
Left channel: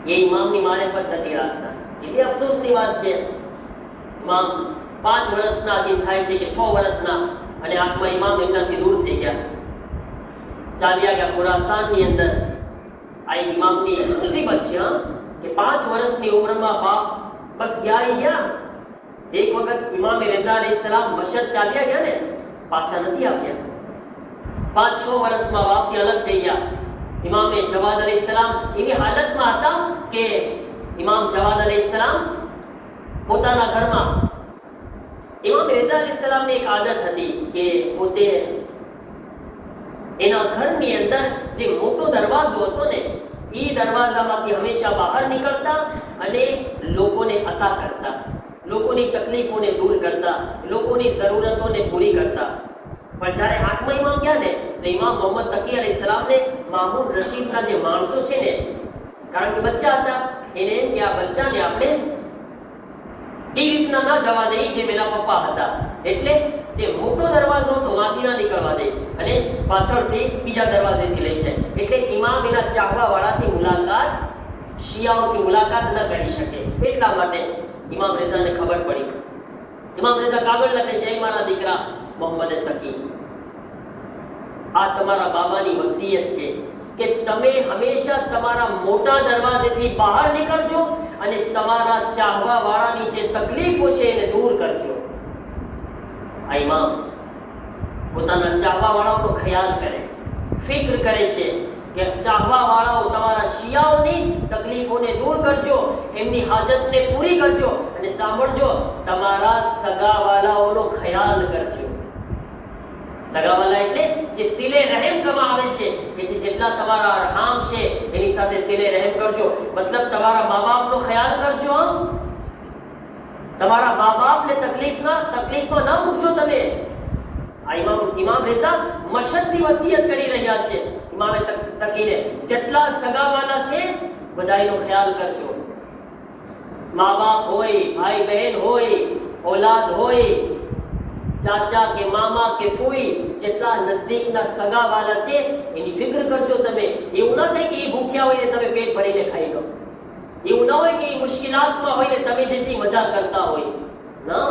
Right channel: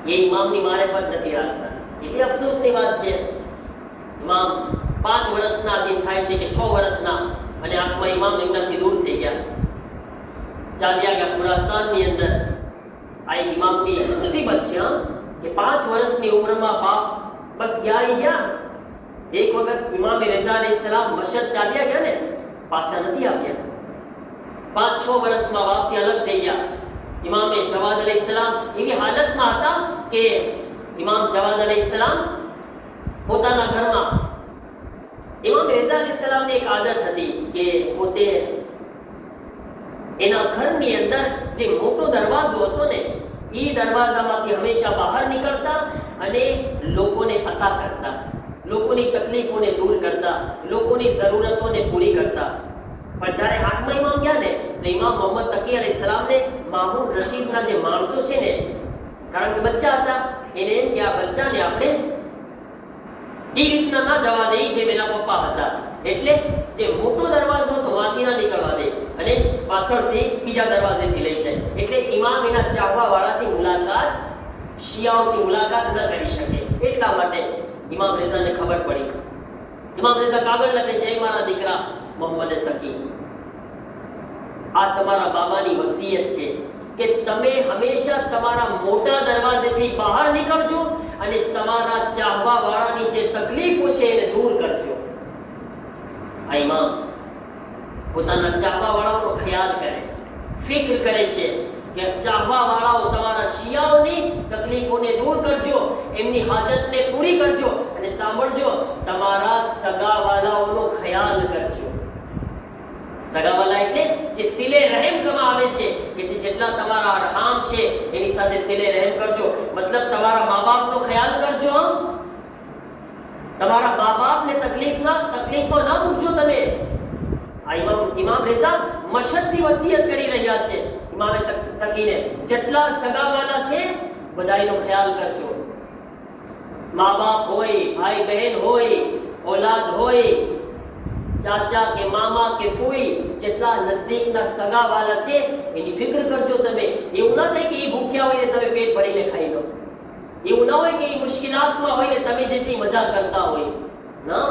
એ ઇમામની મારિફત નથી રાખતા. એટલી અફસોસની વાત છે. ઇમામ 5 વર્ષના જે થાય છે કે 6 વર્ષના, અને આંખમાં ઇમામ એમનાથી દૂર થઈ ગયા, ચાલ્યા ગયા ખુરાસાનની અંદર. આ એક ઇમામની મુસીબત છે કે 5 વર્ષની ઉંમરમાં બાપ બસ ગયા. એક વખત ઇમામ રેઝા અલૈહિસ્સલામ મશર ચાલ્યા ગયા ને, પાછા નથી આવ્યા. 5-6 વર્ષમાં બાપથી અલગ થઈ ગયા. ઇમામ જવાદ અલૈહિસ્સલામ એવી હાલતમાં હતા કે ઇમામ જવાદ અલૈહિસ્સલામ પોતાના ઘરમાં, ઇમામ રેઝા અલૈહિસ્સલામની એક આદત હતી કે પોતે એના ઘરની અંદર જે મોટો દરવાજો હતો ને, એ દરવાજામાંથી હંમેશા બહાર નીકળતા અને લોકોને અતા કરતા, લોકોની તકલીફોને દૂર કરતા, લોકોની જરૂરતોને પૂરી કરતા. પણ જ્યારે 8મા ઇમામ ગયા ને, તો ઇમામ મોહમ્મદ તકી અલૈહિસ્સલામને મામૂન રશીદના જે માણસો છે ને, કારણ કે બચ્ચા હતા, એને એમ કે આ બચ્ચાને આપણે એ રીતના ના જવા દે જેમ એના પપ્પા હતા. એટલે જે મોટો દરવાજો હતો વાંથી ના નીકળવા દે અને પાછળથી બીજા દરવાજેથી લઈ જાય. એટલે ઇમામ એના ચાહવા વાળાથી મુલાકાત, શિયાઓથી મુલાકાત ન કરી શકે. એટલા માટે ઇમામ રેઝાને ખબર પડી. ઇમામ રેઝા કાગળ લખે છે, મારા દીકરા મોહમ્મદ તકી, આ તમારા બાબાની વસિયત છે કે તમે હંમેશા તમારા મોટા દરવાજેથી બહાર નીકળજો અને તમારા ચાહવા વાળાની જે તકલીફો છે એને દૂર કરજો. આ ઇમામ પોતાના ચાહવા વાળાનો ખ્યાલ કરે, ફિક્ર કરે છે કે ચાહવા વાળાઓ તમારા શિયાઓની તકલીફોને દૂર કરજો, એમની હાજતને પૂરી કરજો, અને સાંભળજો, તમારા સગાવાલાઓનો ખ્યાલ કરજો. સગાવાલા એટલે જે સિલે રહેમ કમાં આવે છે, કે જેટલા તમારા અરહામ છે એની સાથે સિલે રહેમ કરજો. મતલબ તમારા મા બાપનો ખ્યાલ કરજો. તમારા મા બાપને તકલીફમાં ના મૂકજો તમે. આ ઇમામ રેઝા મશદથી વસિયત કરી રહ્યા છે. ઇમામે તકીને જેટલા સગાવાલા છે બધાનો ખ્યાલ કરજો. મા બાપ હોય, ભાઈ બહેન હોય, ઓલાદ હોય, ચાચા કે મામા કે ફોઈ જેટલા નજદીકના સગાવાલા છે એની ફિકર કરજો તમે. એવું ના થાય કે એ ભૂખ્યા હોય ને તમે પેટ ભરીને ખાઈ લો. એવું ના હોય કે એ મુશ્કેલાતમાં હોય ને તમે જે છે મજાક કરતા હોય. ના,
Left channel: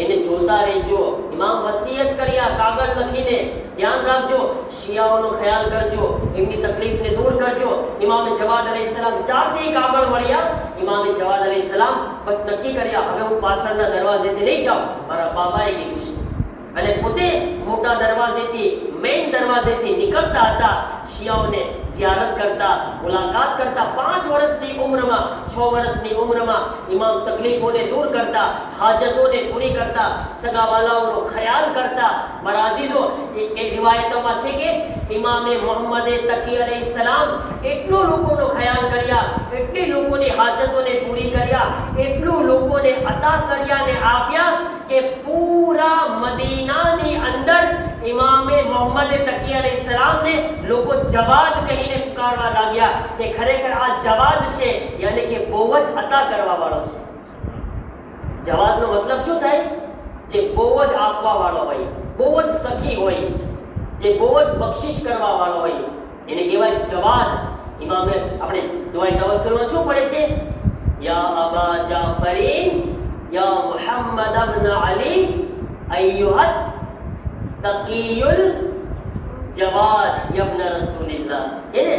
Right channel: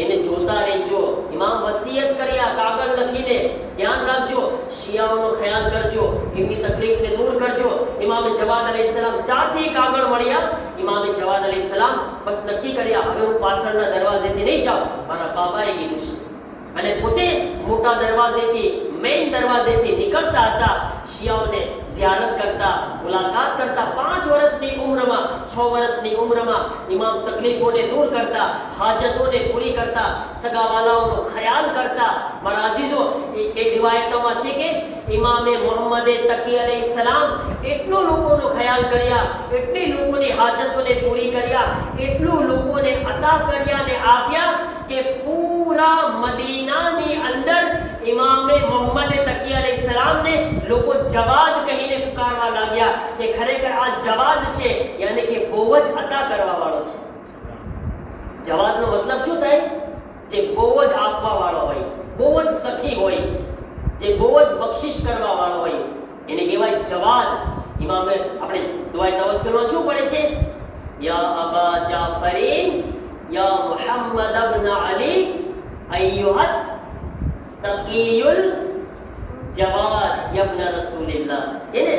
એને જોતા રહેજો. ઇમામ વસિયત કર્યા કાગળ લખીને, ધ્યાન રાખજો, શિયાઓનો ખ્યાલ કરજો, એમની તકલીફને દૂર કરજો. ઇમામે જવાદ અલૈહિસ્સલામ 4 થી કાગળ મળ્યા. ઇમામે જવાદ અલૈહિસ્સલામ બસ નક્કી કર્યા, હવે હું પાછળના દરવાજેથી નહીં જાઉં, મારા બાબાએ કીધું છે. અને પોતે મોટા દરવાજેથી, મેઇન દરવાજેથી નીકળતા હતા, શિયાઓને ઝિયારત કરતા, મુલાકાત કરતા. 5 વર્ષની ઉંમરમાં, 6 વર્ષની ઉંમરમાં ઇમામ તકલીફોને દૂર કરતા, હાજતોને પૂરી કરતા, સગાવાલાઓનો ખ્યાલ કરતા. મારા અઝીઝો, એક રિવાયતોમાં છે કે ઇમામે મોહમ્મદ તકી અલૈહિસ્સલામ એટલો લોકોનો ખ્યાલ કર્યા, એટલી લોકોની હાજતોને પૂરી કર્યા, એટલું લોકોને અતા કર્યા ને આપ્યા કે પૂરા મદીનાની અંદર ઇમામે મોહમ્મદ તકી અલૈહિસ્સલામને લોકો જવાદ કહીને પુકારવા લાગ્યા કે ખરેખર આ જવાદ છે, યાની કે બહુ જ અતા કરવા વાળો છે. જવાદનો મતલબ શું થાય? જે બહુ જ આપવા વાળો હોય, બહુ જ સખી હોય, જે બહુ જ બક્ષિશ કરવા વાળો હોય, એને કહેવાય જવાદ. ઇમામે આપણે દુઆએ તવસ્સુલમાં શું પડે છે? યા અબા જાફરીન યા મુહમ્મદ ઇબ્ન અલી અય્યુહત તકીયુલ જવાદ યબ્ન રસૂલિલ્લાહ. એને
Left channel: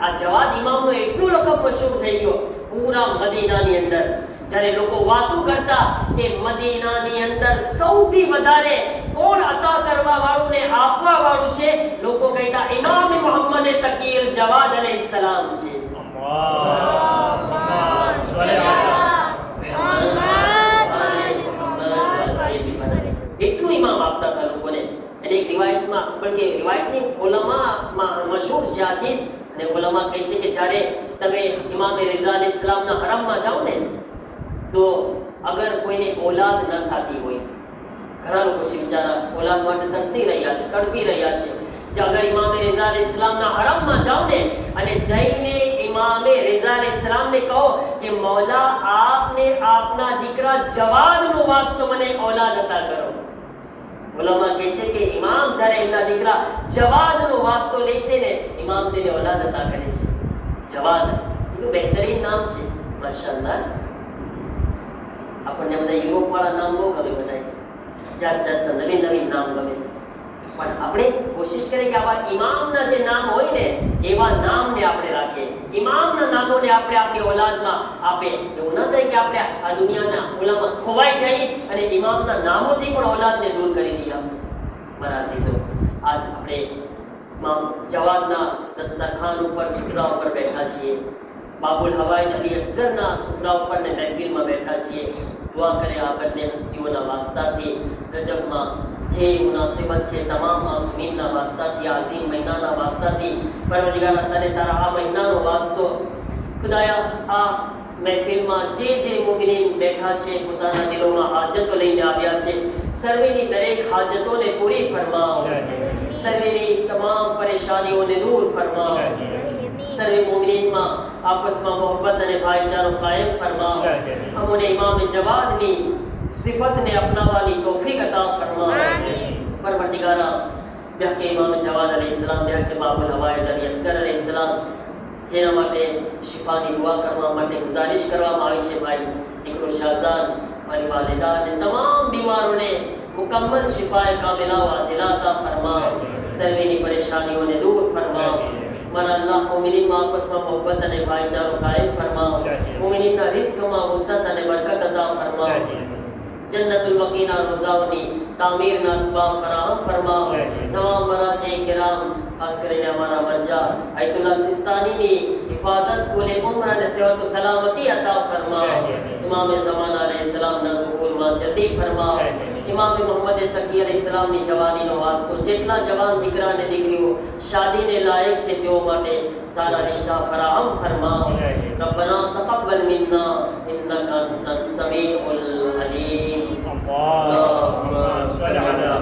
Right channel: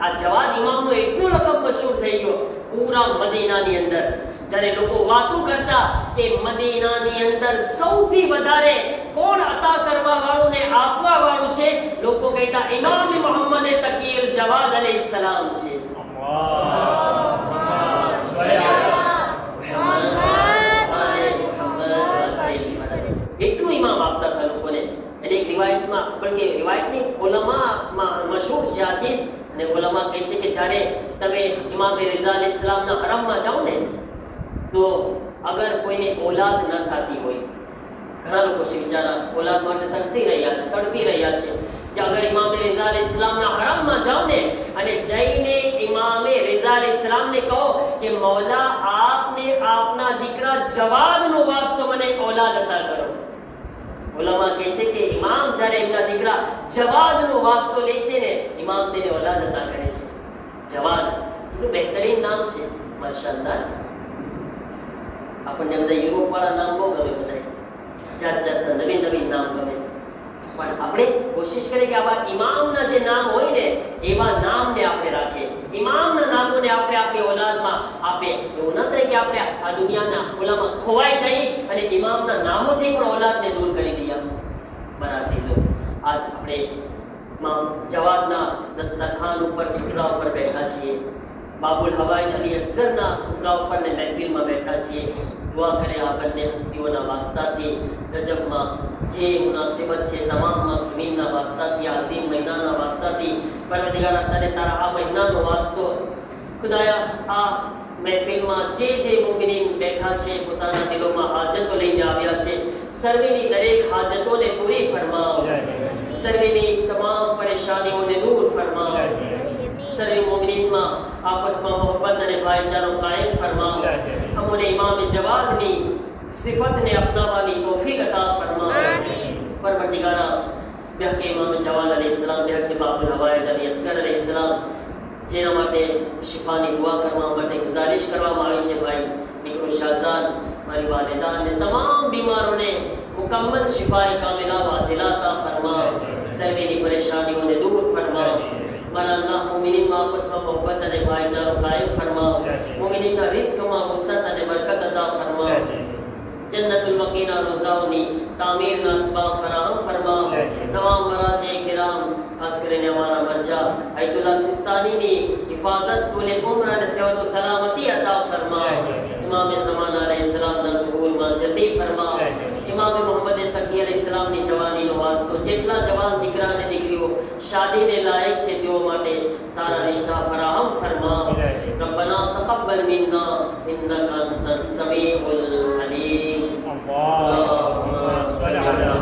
આ જવાદ ઇમામનો એટલો લકબ મશહૂર થઈ ગયો પૂરા મદીનાની અંદર. જ્યારે લોકો વાતો કરતા કે મદીનાની અંદર સૌથી વધારે કોણ અતા કરવા વાળું ને આપવા વાળું છે, લોકો કહેતા ઇમામ મોહમ્મદ તકીલ જવાદ અલૈહિસ્સલામ છે. એટલું ઇમામ આપતા હતા લોકોને. અને એક રિવાયતમાં, બલકે રિવાયતની ઉલમામાં મશહૂર છે આ ચીજ. અને ઉલમા કહે છે કે જ્યારે તમે ઇમામ રિઝા અલૈહિસ્સલામના હરમમાં જાઓ ને, તો અગર કોઈને ઓલાદ ન થતી હોય, ઘણા લોકો છે બિચારા ઓલાદ માટે તરસી રહ્યા છે, તડપી રહ્યા છે, જે અગર ઇમામ રિઝા અલૈહિસ્સલામના હરમમાં જાઓ ને અને જઈને ઇમામ રિઝા અલૈહિસ્સલામને કહો કે મૌલા આપને આપના દીકરા જવાદનો વાસ્તો મને એક ઓલાદ અતા કરો. ઉલમા કહે છે કે ઇમામ જ્યારે એમના દીકરા જવાદનો વાસ્તો લે છે ને, ઇમામ તેને ઓલાદ અતા કરે છે. જવાદ એટલું બહેતરીન નામ છે, માશાઅલ્લાહ. આપણને બધા યુરોપ વાળા નામ બહુ ગમે, બધા જાત જાતના નવીન નવીન નામ ગમે. પણ આપણે કોશિશ કરીએ કે આવા ઇમામના જે નામ હોય ને એવા નામને આપણે રાખીએ, ઇમામના નામોને આપણે આપણી ઓલાદમાં આપે. એવું ન થાય કે આપણે આ દુનિયાના ઓલામાં ખોવાઈ જઈએ અને ઇમામના નામોથી પણ ઓલાદને દૂર કરી દઈએ. મારા અઝીઝો, આજ આપણે ઇમામ જવાદના દસ્તરખાન ઉપર, સુતરા ઉપર બેઠા છીએ. બાબુલ હવાઈ અલી અસગરના સુતરા ઉપર ને મહેફિલમાં બેઠા છીએ. દુઆ કરે આગળને હસ્તીઓના વાસ્તાથી, રજબમાં જે મુનાસિબત છે તમામ માસૂમીનના વાસ્તાથી, આઝીમ મહિનાના વાસ્તાથી, પરવરદિગાર તને તારા આ મહિનાનો વાસ્તો, ખુદાયા આ મહેફિલમાં જે મુમિનીન બેઠા છે, પોતાના દિલોમાં હાજતો લઈને આવ્યા છે, સર્વેની દરેક હાજતોને પૂરી ફરમાવ, સર્વેની તમામ પરેશાનીઓને દૂર ફરમાવ, સર્વે મુમિનીનમાં આપસમાં મોહબ્બત અને ભાઈચારો કાયમ ફરમાવ. અમને ઇમામે જવાદની સિફતને અપનાવવાની તૌફીક અતા ફરમાવ. પરવરદિગારા બિહકે ઇમામ જવાદ અલૈહિસ્સલામ, બિહકે બાબુલ હવાઈ અલી અસગર અલૈહિસ્સલામ, જેના માટે શિફાની દુઆ કરવા માટે ગુજારિશ કરવામાં આવી છે. ભાઈ દીકરો શાહઝાદ, મારી વાલિદા અને તમામ બીમારોને મુકમ્મલ શિફાએ કામિલા વાજિલા અતા ફરમાવ. સર્વેની પરેશાનીઓને દૂર ફરમાવ. મારા અલ્લાહ મોમિનીનમાં આપસમાં મોહબ્બત અને ભાઈચારો કાયમ ફરમાવ. મોમિનીના રિઝ્કમાં વસત અને બરકત અતા ફરમાવ. જન્નતુલ બકીના રોઝાઓની તામીરના અસબાબ ફરાહમ ફરમાવ. તમામ મરાજે કિરામ, ખાસ કરીને અમારા મરજા આયતુલ્લાહ સિસ્તાનીની હિફાજત, કુલે ઉમ્ર અને સેવત સલામતી અતા ફરમાવ. ઇમામ ઝમાના અલૈહિસ્સલામના સુહૂલમાં જલ્દી ફરમાવ. ઇમામ મોહમ્મદ તકી અલૈહિસ્સલામની જવાનીનો વાસ્તો, જેટલા જવાન દીકરા અને દીકરીઓ શાદીને લાયક છે તેઓ માટે સારા રિશ્તા ફરાહમ ફરમાવ. રબ્બના તक़બ્બલ મિન્ના ઇન્નકા અંતસ સમીઉલ અલીમ. અલ્લાહુમ્મા સલ્લી અલા